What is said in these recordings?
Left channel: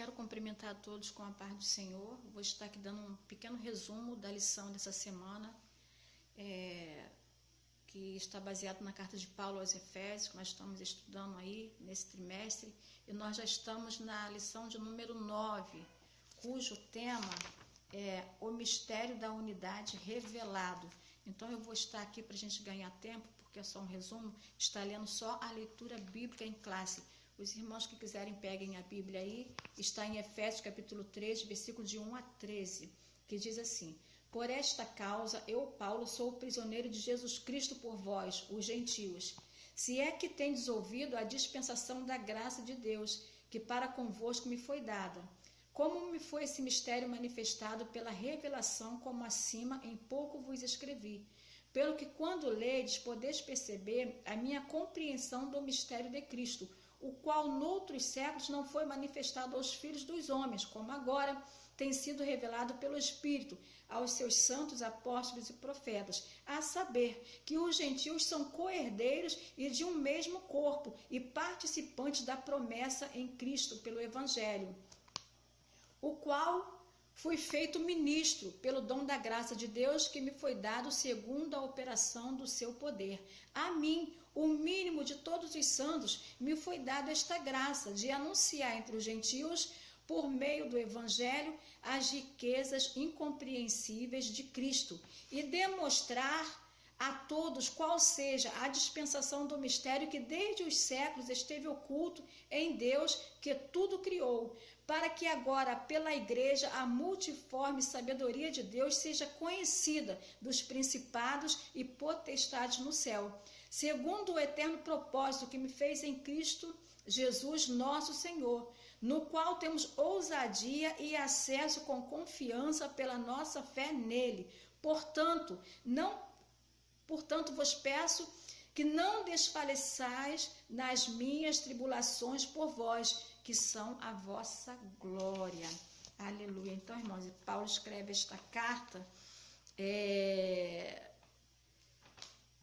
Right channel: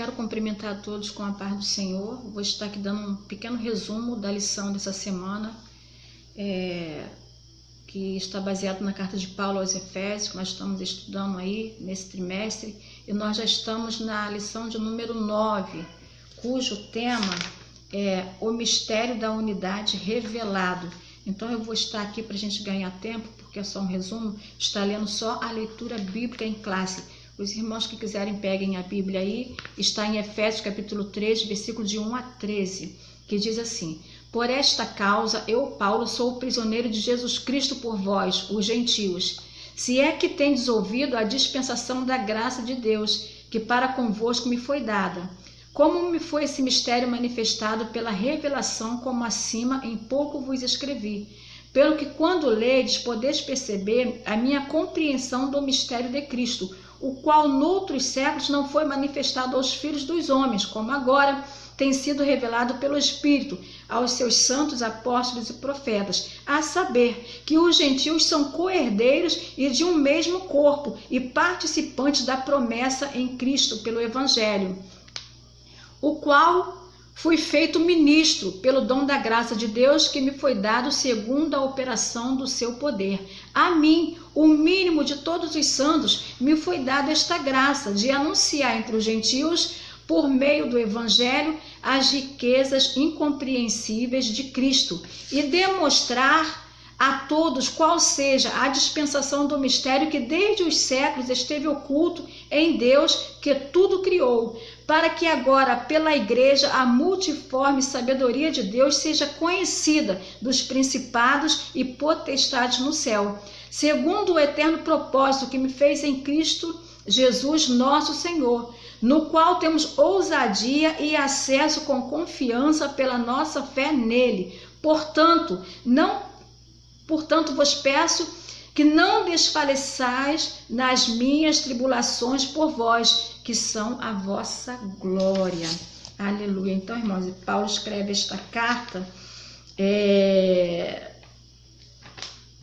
quero cumprimentar a todos com a paz do Senhor. Vou estar aqui dando um pequeno resumo da lição dessa semana, que está baseado na carta de Paulo aos Efésios, que nós estamos estudando aí nesse trimestre, e nós já estamos na lição de número 9, cujo tema é o mistério da unidade revelado. Então eu vou estar aqui para a gente ganhar tempo, porque é só um resumo, está lendo só a leitura bíblica em classe. Os irmãos que quiserem peguem a Bíblia aí, está em Efésios capítulo 3, versículo de 1 a 13, que diz assim: por esta causa eu, Paulo, sou o prisioneiro de Jesus Cristo por vós, os gentios, se é que tendes ouvido a dispensação da graça de Deus, que para convosco me foi dada. Como me foi esse mistério manifestado pela revelação, como acima em pouco vos escrevi, pelo que quando ledes podeis perceber a minha compreensão do mistério de Cristo, o qual noutros séculos não foi manifestado aos filhos dos homens, como agora tem sido revelado pelo Espírito aos seus santos apóstolos e profetas, a saber que os gentios são co-herdeiros e de um mesmo corpo e participantes da promessa em Cristo pelo Evangelho, o qual fui feito ministro pelo dom da graça de Deus que me foi dado segundo a operação do seu poder. A mim, o mínimo de todos os santos, me foi dada esta graça de anunciar entre os gentios, por meio do Evangelho, as riquezas incompreensíveis de Cristo e demonstrar a todos qual seja a dispensação do mistério que desde os séculos esteve oculto em Deus que tudo criou, para que agora pela igreja a multiforme sabedoria de Deus seja conhecida dos principados e potestades no céu, segundo o eterno propósito que me fez em Cristo Jesus nosso Senhor, no qual temos ousadia e acesso com confiança pela nossa fé nele. Portanto, vos peço que não desfaleçais nas minhas tribulações por vós, que são a vossa glória. Aleluia. Então, irmãos, Paulo escreve esta carta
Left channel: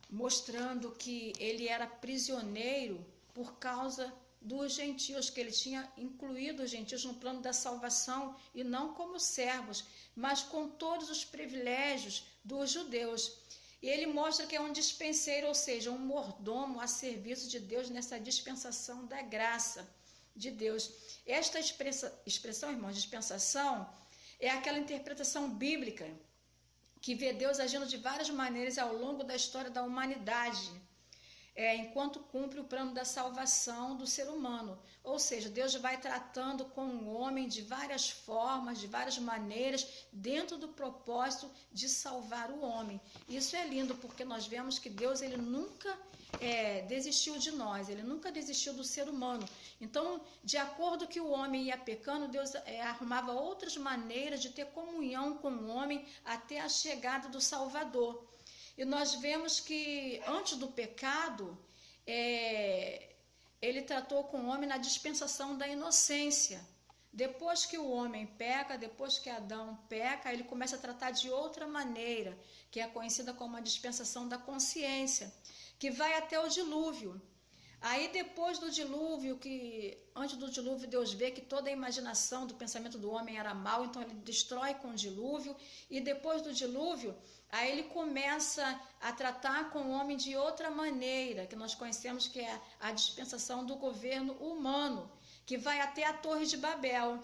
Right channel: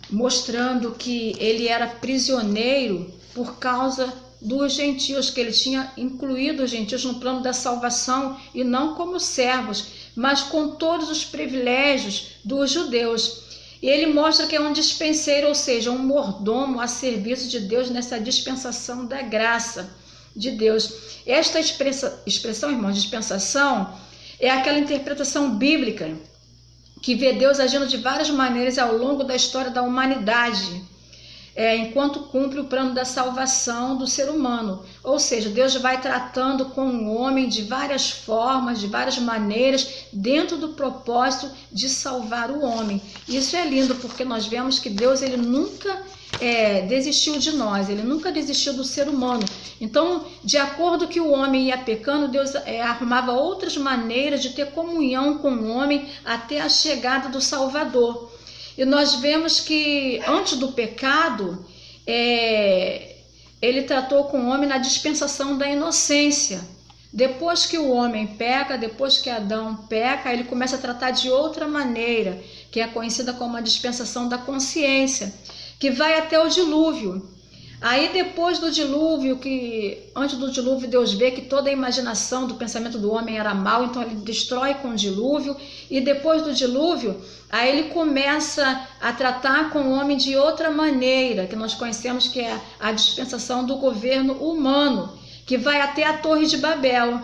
mostrando que ele era prisioneiro por causa dos gentios, que ele tinha incluído os gentios no plano da salvação e não como servos, mas com todos os privilégios dos judeus. E ele mostra que é um dispenseiro, ou seja, um mordomo a serviço de Deus nessa dispensação da graça de Deus. Esta expressão, irmãos, dispensação, é aquela interpretação bíblica que vê Deus agindo de várias maneiras ao longo da história da humanidade, enquanto cumpre o plano da salvação do ser humano. Ou seja, Deus vai tratando com o homem de várias formas, de várias maneiras, dentro do propósito de salvar o homem. Isso é lindo, porque nós vemos que Deus ele nunca desistiu de nós, ele nunca desistiu do ser humano. Então, de acordo que o homem ia pecando, Deus arrumava outras maneiras de ter comunhão com o homem até a chegada do Salvador. E nós vemos que antes do pecado, ele tratou com o homem na dispensação da inocência. Depois que o homem peca, depois que Adão peca, ele começa a tratar de outra maneira, que é conhecida como a dispensação da consciência, que vai até o dilúvio. Aí depois do dilúvio, antes do dilúvio Deus vê que toda a imaginação do pensamento do homem era mal, então ele destrói com o dilúvio, e depois do dilúvio, aí ele começa a tratar com o homem de outra maneira, que nós conhecemos que é a dispensação do governo humano, que vai até a Torre de Babel.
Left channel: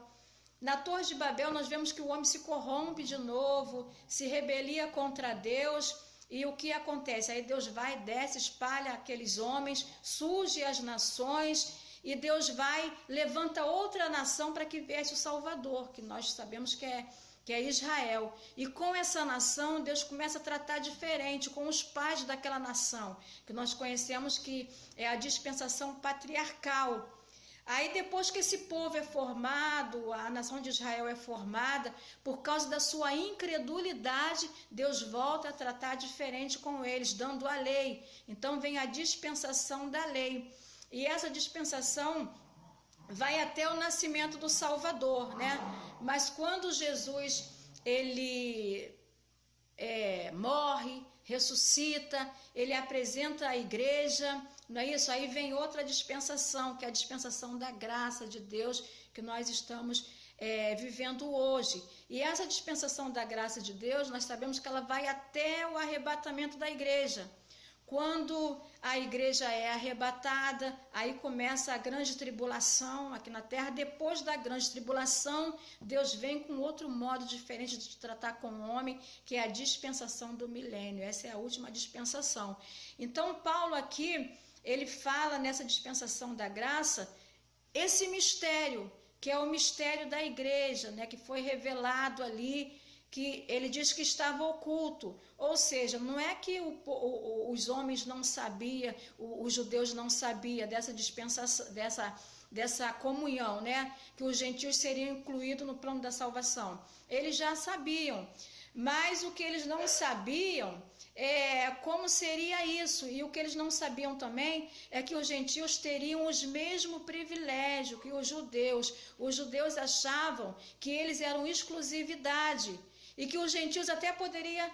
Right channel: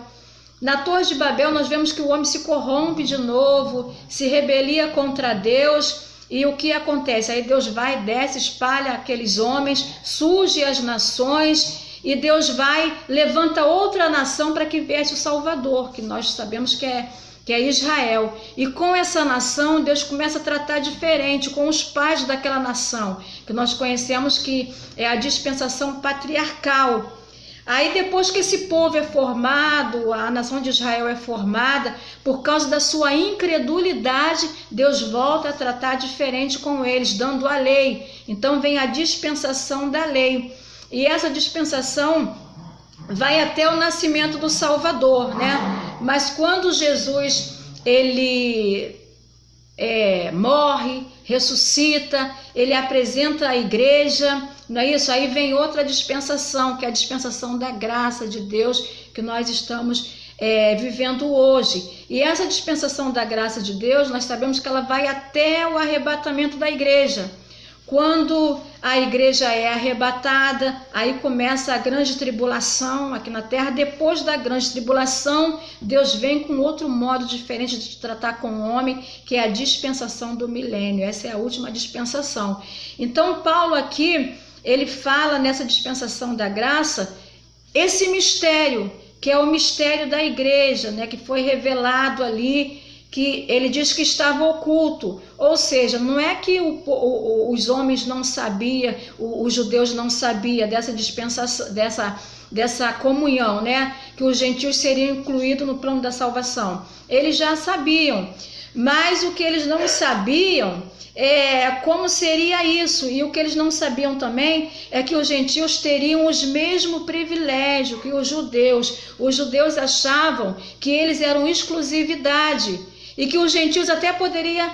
Na Torre de Babel nós vemos que o homem se corrompe de novo, se rebelia contra Deus. E o que acontece? Aí Deus vai, desce, espalha aqueles homens, surge as nações, e Deus vai, levanta outra nação para que viesse o Salvador, que nós sabemos que é Israel. E com essa nação, Deus começa a tratar diferente com os pais daquela nação, que nós conhecemos que é a dispensação patriarcal. Aí depois que esse povo é formado, a nação de Israel é formada, por causa da sua incredulidade, Deus volta a tratar diferente com eles, dando a lei. Então vem a dispensação da lei. E essa dispensação vai até o nascimento do Salvador, né? Mas quando Jesus, ele morre, ressuscita, ele apresenta a igreja, não é isso? Aí vem outra dispensação, que é a dispensação da graça de Deus, que nós estamos vivendo hoje. E essa dispensação da graça de Deus, nós sabemos que ela vai até o arrebatamento da igreja. Quando a igreja é arrebatada, aí começa a grande tribulação aqui na terra. Depois da grande tribulação, Deus vem com outro modo diferente de tratar com o homem, que é a dispensação do milênio. Essa é a última dispensação. Então, Paulo aqui, ele fala nessa dispensação da graça, esse mistério, que é o mistério da igreja, né, que foi revelado ali, que ele diz que estava oculto, ou seja, não é que os homens não sabiam, os judeus não sabiam dessa dispensação, dessa comunhão, né? Que os gentios seriam incluídos no plano da salvação. Eles já sabiam, mas o que eles não sabiam é como seria isso, e o que eles não sabiam também é que os gentios teriam os mesmos privilégios que os judeus. Os judeus achavam que eles eram exclusividade, e que os gentios até poderiam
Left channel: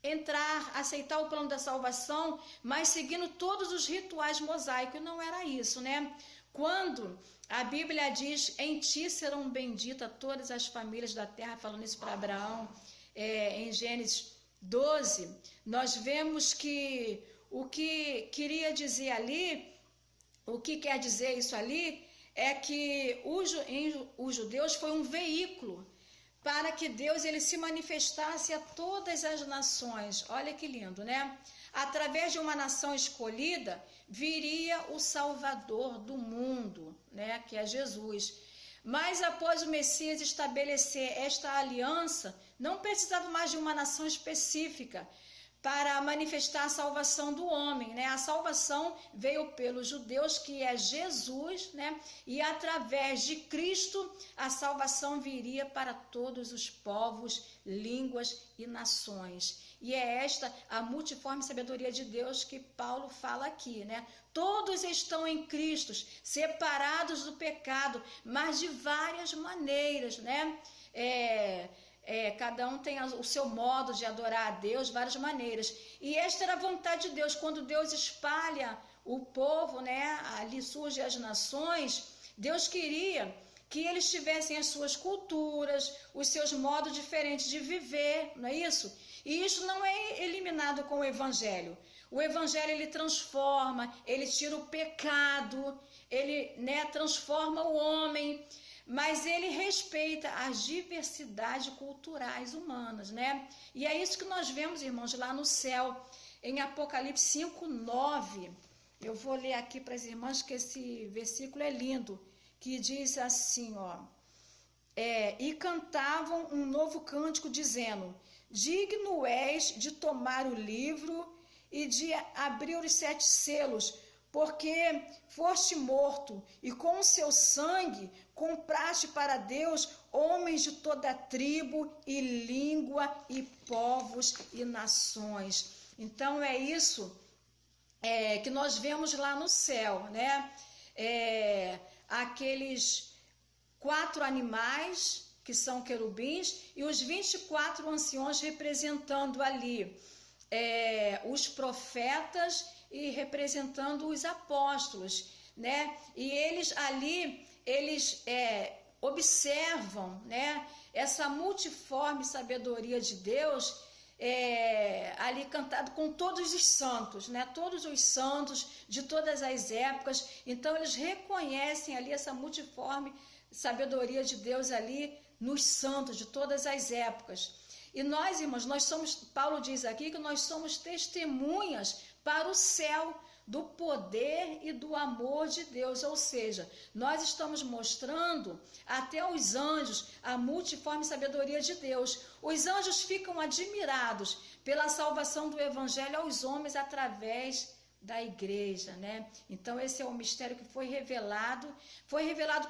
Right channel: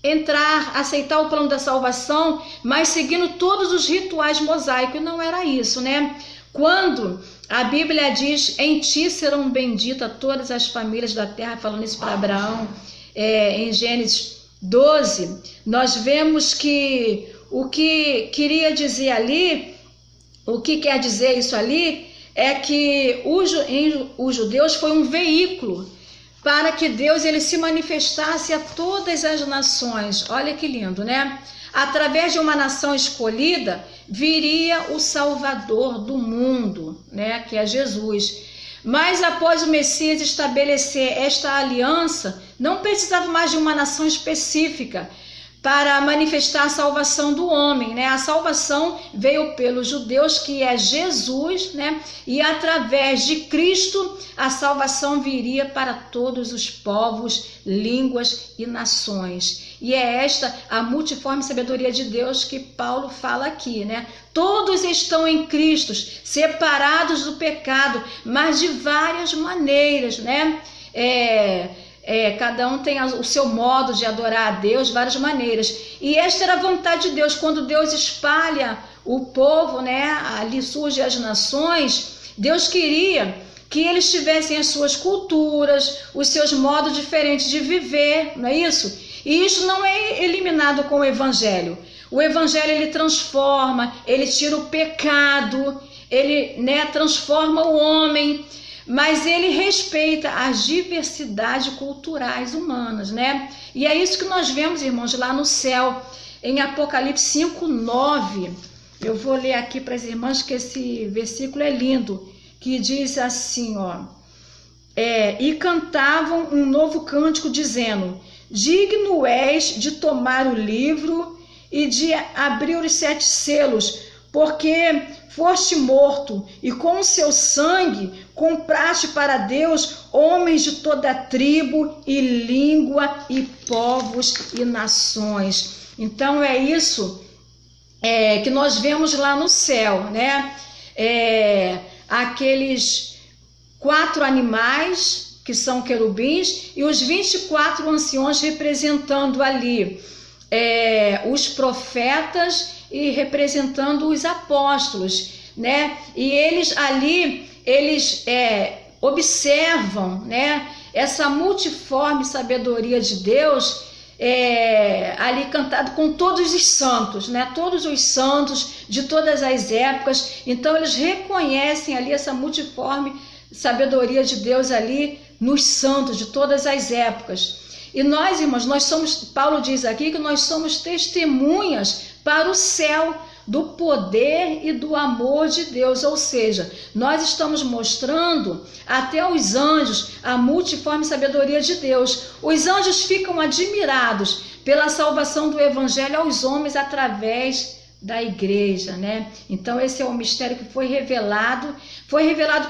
entrar, aceitar o plano da salvação, mas seguindo todos os rituais mosaicos. Não era isso, né? Quando a Bíblia diz, em ti serão benditas todas as famílias da terra, falando isso para Abraão, em Gênesis 12, nós vemos que o que queria dizer ali, o que quer dizer isso ali, é que os judeus foi um veículo para que Deus ele se manifestasse a todas as nações. Olha que lindo, né? Através de uma nação escolhida, viria o Salvador do mundo, né? Que é Jesus. Mas após o Messias estabelecer esta aliança, não precisava mais de uma nação específica para manifestar a salvação do homem, né? A salvação veio pelos judeus, que é Jesus, né? E através de Cristo, a salvação viria para todos os povos, línguas e nações. E é esta a multiforme sabedoria de Deus que Paulo fala aqui, né? Todos estão em Cristo, separados do pecado, mas de várias maneiras, né? Cada um tem o seu modo de adorar a Deus, várias maneiras. E esta era a vontade de Deus, quando Deus espalha o povo, né? Ali surgem as nações. Deus queria que eles tivessem as suas culturas, os seus modos diferentes de viver, não é isso? E isso não é eliminado com o Evangelho. O Evangelho ele transforma, ele tira o pecado, ele, né, transforma o homem. Mas ele respeita as diversidades culturais humanas, né? E é isso que nós vemos, irmãos, lá no céu, em Apocalipse 5:9. Eu vou ler aqui para as irmãs, que esse versículo é lindo, que diz assim, ó. E cantavam um novo cântico, dizendo, digno és de tomar o livro e de abrir os 7 selos, porque foste morto, e com o seu sangue compraste para Deus homens de toda tribo e língua e povos e nações. Então é isso que nós vemos lá no céu, né? Aqueles 4 animais que são querubins e os 24 anciões representando ali os profetas e representando os apóstolos, né? E eles ali, observam, né, essa multiforme sabedoria de Deus, ali cantado com todos os santos, né? Todos os santos de todas as épocas. Então eles reconhecem ali essa multiforme sabedoria de Deus ali nos santos de todas as épocas. E nós, irmãos, Paulo diz aqui que nós somos testemunhas para o céu do poder e do amor de Deus, ou seja, nós estamos mostrando até aos anjos a multiforme sabedoria de Deus. Os anjos ficam admirados pela salvação do evangelho aos homens através da igreja, né? Então esse é o mistério que foi revelado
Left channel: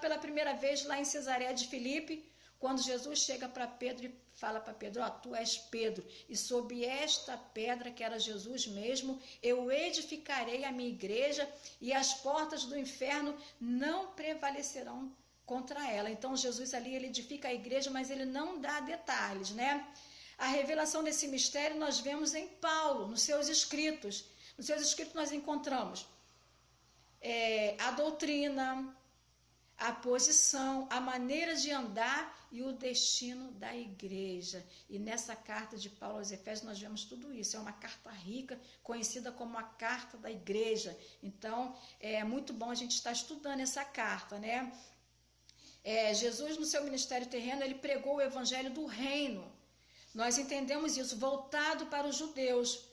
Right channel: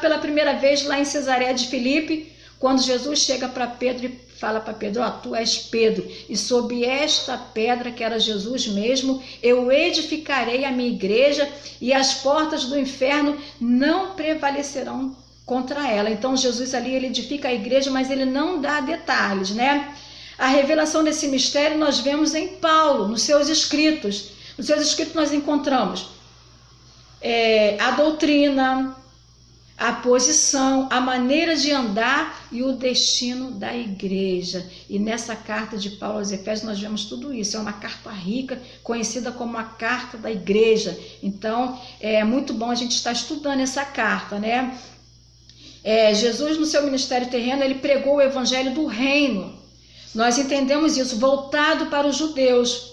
pela primeira vez lá em Cesareia de Filipe, quando Jesus chega para Pedro e fala para Pedro, tu és Pedro, e sob esta pedra, que era Jesus mesmo, eu edificarei a minha igreja, e as portas do inferno não prevalecerão contra ela. Então Jesus ali, ele edifica a igreja, mas ele não dá detalhes, né? A revelação desse mistério nós vemos em Paulo, nos seus escritos. Nos seus escritos nós encontramos a doutrina, a posição, a maneira de andar e o destino da igreja. E nessa carta de Paulo aos Efésios nós vemos tudo isso. É uma carta rica, conhecida como a carta da igreja. Então é muito bom a gente estar estudando essa carta, né? Jesus, no seu ministério terreno, ele pregou o evangelho do reino. Nós entendemos isso, voltado para os judeus.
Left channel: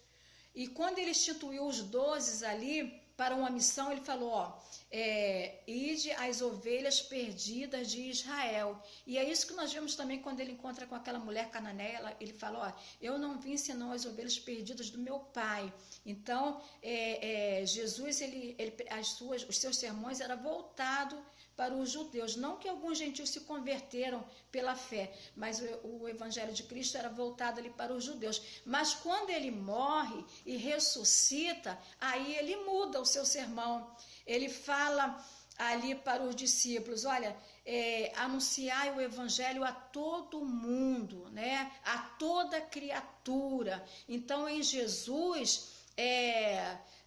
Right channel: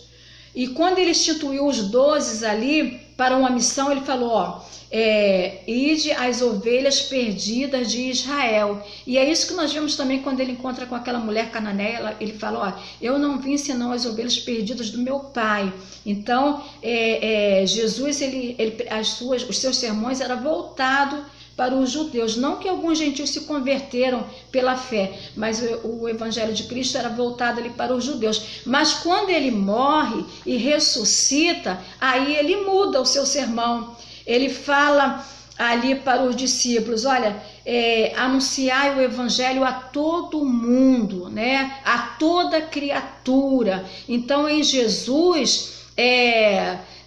E quando ele instituiu os 12 ali para uma missão, ele falou, ide às ovelhas perdidas de Israel. E é isso que nós vemos também quando ele encontra com aquela mulher cananeia. Ele fala, eu não vim senão as ovelhas perdidas do meu pai. Então Jesus, os seus sermões eram voltados para os judeus, não que alguns gentios se converteram pela fé, mas o evangelho de Cristo era voltado ali para os judeus. Mas quando ele morre e ressuscita, aí ele muda o seu sermão. Ele fala ali para os discípulos, olha, anunciai o evangelho a todo mundo, né? A toda criatura. Então em Jesus,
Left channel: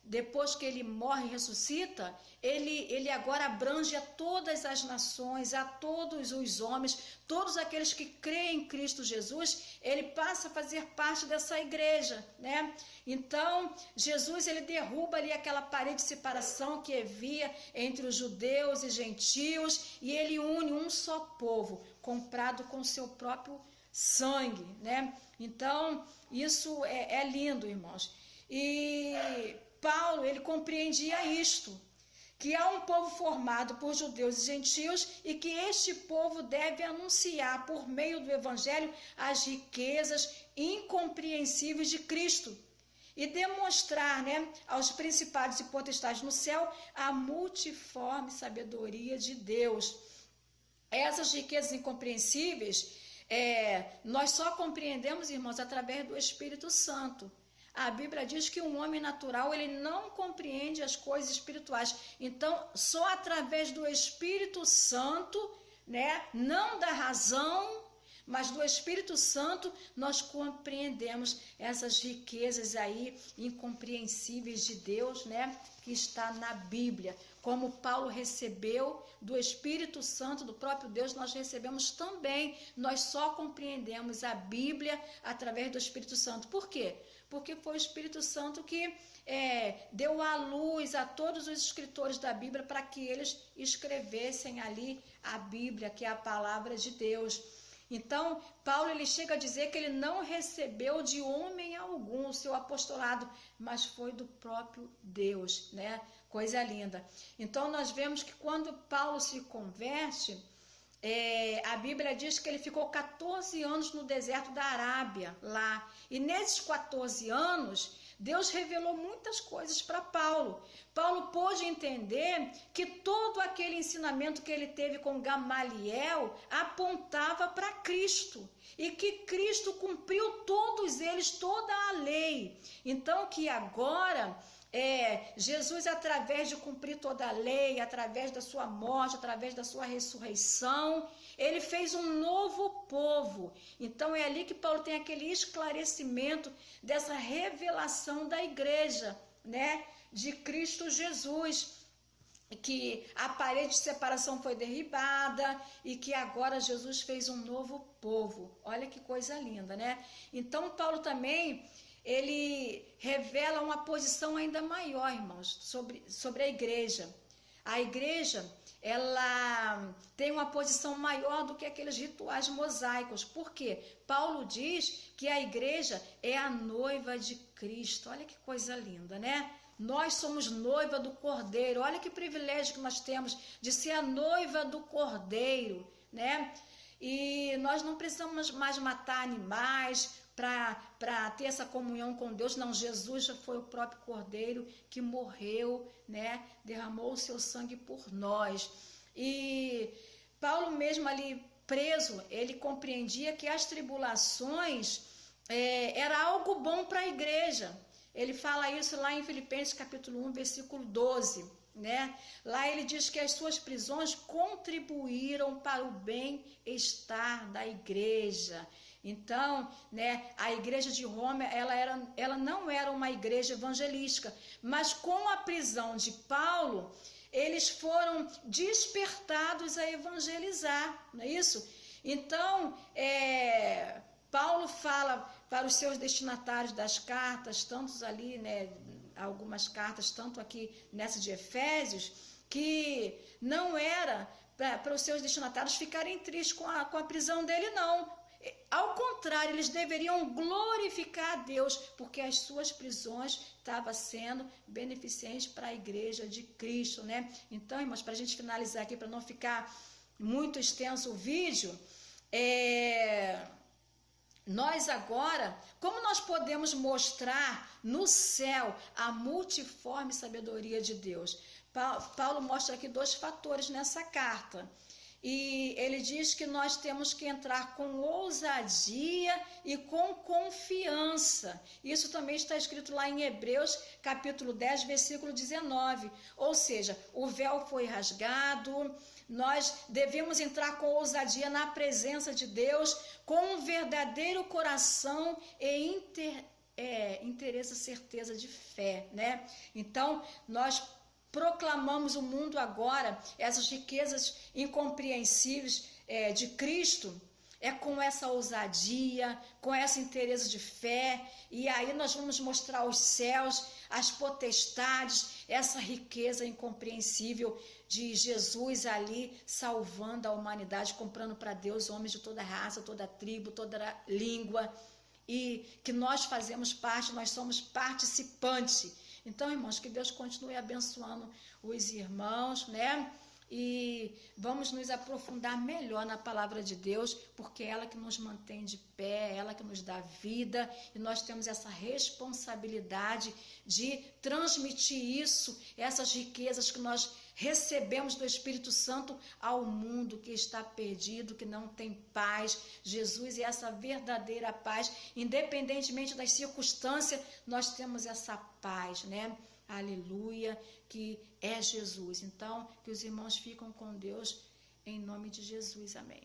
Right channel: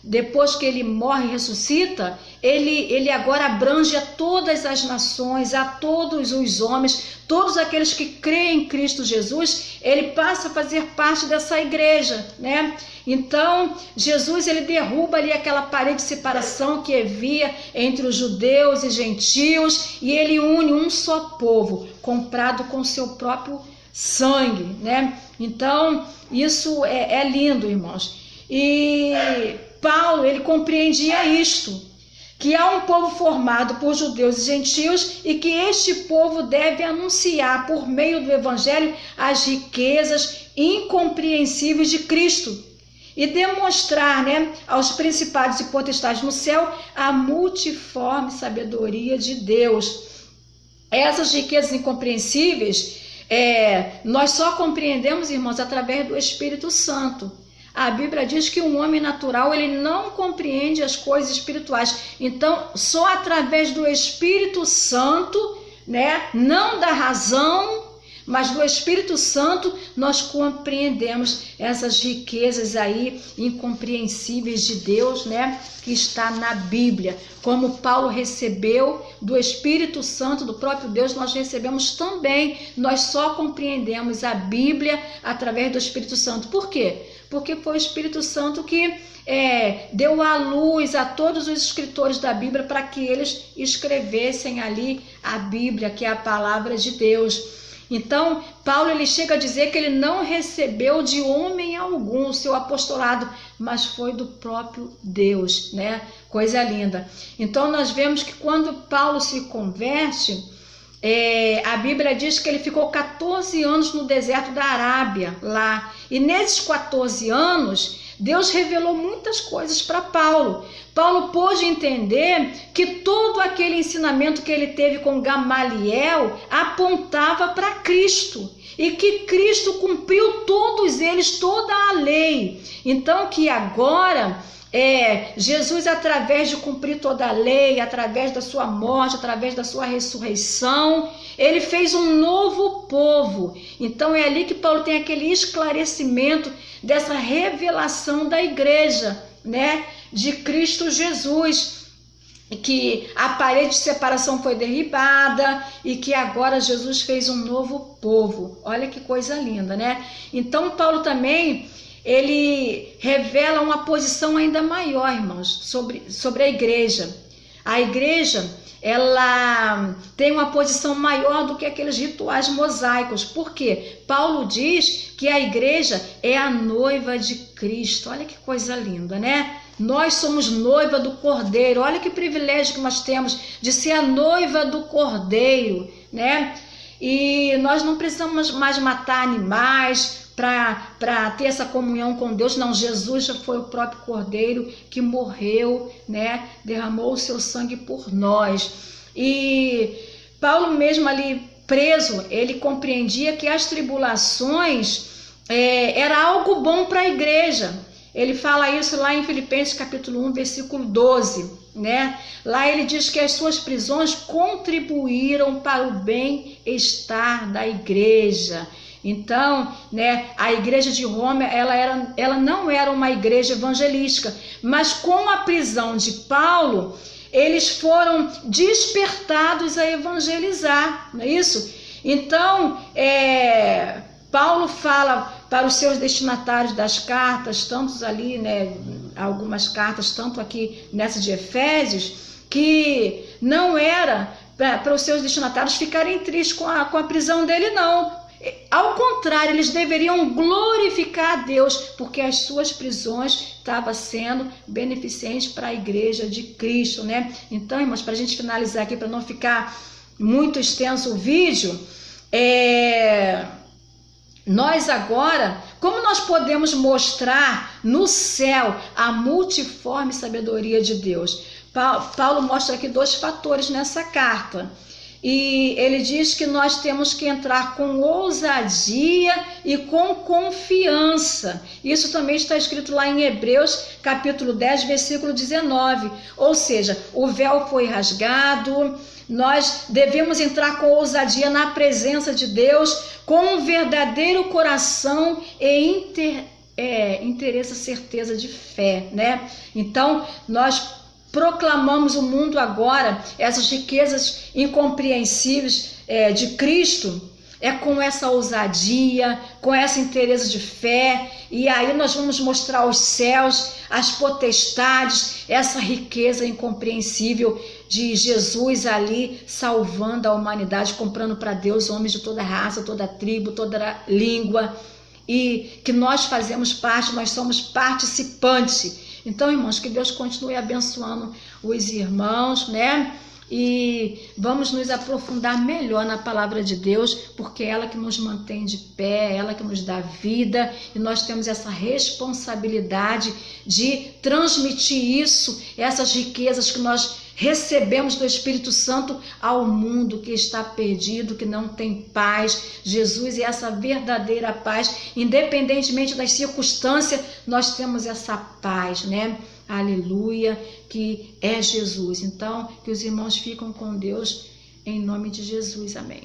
depois que ele morre e ressuscita, ele agora abrange a todas as nações, a todos os homens, todos aqueles que creem em Cristo Jesus, ele passa a fazer parte dessa igreja, né? Então, Jesus, ele derruba ali aquela parede de separação que havia entre os judeus e gentios, e ele une um só povo, comprado com seu próprio sangue, né? Então, isso é lindo, irmãos. E Paulo, ele compreendia isto, que há um povo formado por judeus e gentios e que este povo deve anunciar por meio do evangelho as riquezas incompreensíveis de Cristo e demonstrar, né, aos principados e potestades no céu a multiforme sabedoria de Deus. Essas riquezas incompreensíveis, nós só compreendemos, irmãos, através do Espírito Santo. A Bíblia diz que um homem natural, ele não compreende as coisas espirituais. Então, só através do Espírito Santo, né, não da razão, mas do Espírito Santo, nós compreendemos essas riquezas aí incompreensíveis de Deus, né, que está na Bíblia. Como Paulo recebeu do Espírito Santo, do próprio Deus, nós recebemos também. Nós só compreendemos a Bíblia através do Espírito Santo. Por quê? Porque foi o Espírito Santo que deu a luz a todos os escritores da Bíblia para que eles escrevessem ali a Bíblia, que é a palavra de Deus. Então, Paulo, ele chega a dizer que ele não recebeu de homem algum o seu apostolado, mas foi do próprio Deus, né? Coisa linda. Então, nós vemos que quando Paulo se converte, a Bíblia diz que ele ficou 14 anos no deserto da Arábia, lá. E nesses 14 anos, Deus revelou muitas coisas para Paulo. Paulo pôde entender que todo aquele ensinamento que ele teve com Gamaliel apontava para Cristo. E que Cristo cumpriu todos eles, toda a lei. Então que agora Jesus, através de cumprir toda a lei, através da sua morte, através da sua ressurreição, ele fez um novo povo. Então é ali que Paulo tem aquele esclarecimento dessa revelação da igreja, né, de Cristo Jesus, que a parede de separação foi derribada e que agora Jesus fez um novo povo. Olha que coisa linda, né? Então Paulo também, ele revela uma posição ainda maior, irmãos, sobre a igreja. A igreja, ela tem uma posição maior do que aqueles rituais mosaicos. Por quê? Paulo diz que a igreja é a noiva de Cristo. Olha que coisa linda, né? Nós somos noiva do Cordeiro. Olha que privilégio que nós temos de ser a noiva do Cordeiro, né? E nós não precisamos mais matar animais para ter essa comunhão com Deus. Não, Jesus já foi o próprio Cordeiro que morreu, né? Derramou o seu sangue por nós. E Paulo mesmo ali preso, ele compreendia que as tribulações era algo bom para a igreja. Ele fala isso lá em Filipenses capítulo 1, versículo 12, né? Lá ele diz que as suas prisões contribuíram para o bem-estar da igreja. Então, né, a igreja de Roma, ela não era uma igreja evangelística, mas com a prisão de Paulo, eles foram despertados a evangelizar, não é isso? Então, Paulo fala para os seus destinatários das cartas, tantos ali, né, algumas cartas, tanto aqui nessa de Efésios, que não era para os seus destinatários ficarem tristes com a prisão dele, não. Ao contrário, eles deveriam glorificar a Deus, porque as suas prisões estavam sendo beneficentes para a igreja de Cristo, né? Então, irmãos, para a gente finalizar aqui, para não ficar muito extenso o vídeo, nós agora, como nós podemos mostrar no céu a multiforme sabedoria de Deus? Paulo mostra aqui 2 fatores nessa carta. E ele diz que nós temos que entrar com ousadia e com confiança. Isso também está escrito lá em Hebreus, capítulo 10, versículo 19. Ou seja, o véu foi rasgado, nós devemos entrar com ousadia na presença de Deus, com um verdadeiro coração e interesse, certeza de fé, né? Então, nós proclamamos o mundo agora, essas riquezas incompreensíveis de Cristo, com essa ousadia, com essa interesse de fé, e aí nós vamos mostrar aos céus, as potestades, essa riqueza incompreensível de Jesus ali salvando a humanidade, comprando para Deus homens de toda raça, toda tribo, toda língua, e que nós fazemos parte, nós somos participantes. Então, irmãos, que Deus continue abençoando os irmãos, né? E vamos nos aprofundar melhor na palavra de Deus, porque é ela que nos mantém de pé, é ela que nos dá vida, e nós temos essa responsabilidade de transmitir isso, essas riquezas que nós recebemos do Espírito Santo ao mundo que está perdido, que não tem paz. Jesus é essa verdadeira paz, independentemente das circunstâncias, nós temos essa paz, né? Aleluia, que é Jesus. Então, que os irmãos ficam com Deus em nome de Jesus. Amém.